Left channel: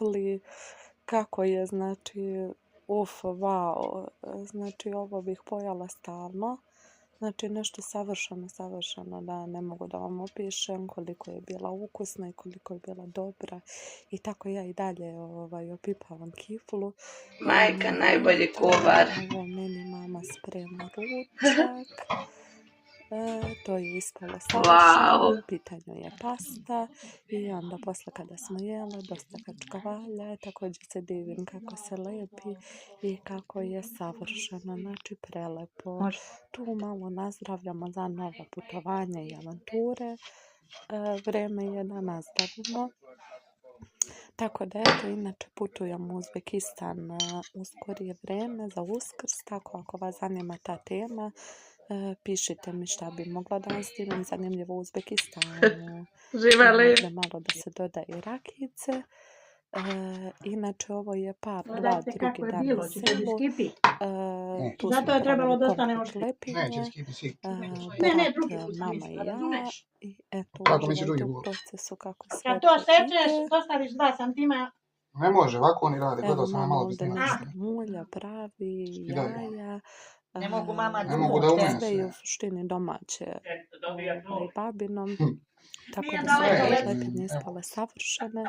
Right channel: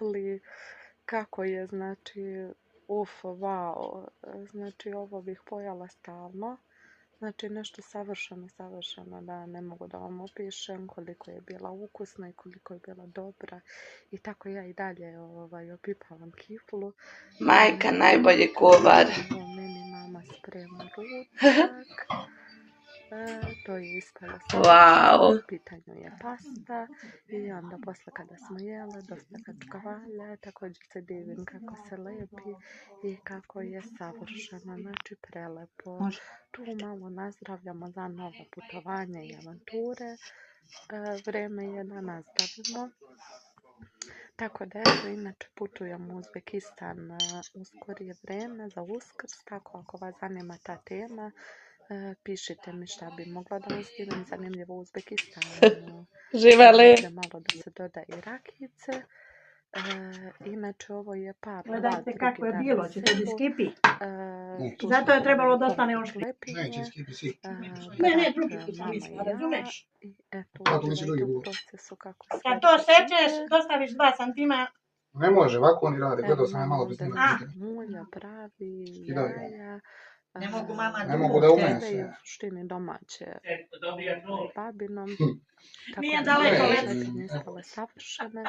kifli, kako je, znači, wow, znači ovo bih pojela stalno. Znači nešto savršeno, da ne mogu da vam opišem koliko je bila ukusna i koliko je bila dobra. I tako ja i dalje opipavam kiflu. Majka, najbolji kuvar. Evo meni mama sprema ručak. To je ispalo savršeno. U pitanju je pasta. I onda posle kada smo jele, dosta kačkavalja. Također se divim kako se lepi i kako je savršeno. Znači prelepo. Tu malo nazdravljamo za nova putovanja i avanture. Vreme je da nastavimo. Tako da eto, inače putujem u Uzbekistan u skorije vreme za Uskrs, tako ako vas zanima ta tema, pišite mi šta bi mogla da vam snimam zanimljivo u Uzbekistanu. Živeli. Da malo da se doda i rakice. Inače ovo je par dva Gledajte kako je drugi bilo, dan će na tebi selu. skipi. Zato je trebalo da ostane komplet oštri. lepinje. Ne, drugi put sam Mama i mislila, ja. razumeš? I eto, uživajte u procesu kako sve Kad to sečeš, ide. dostaviš 2 santima. Ne može, ovako oni rade, Evo gledao sam je mama malo ovdje bez nešto mulja, pravi, jaja. Ne mogu mama Ne mogu da umese. Sve je u suštini domaće babinom. Tako Nije da su daleko, ove Lena. lepinje ispale savršene.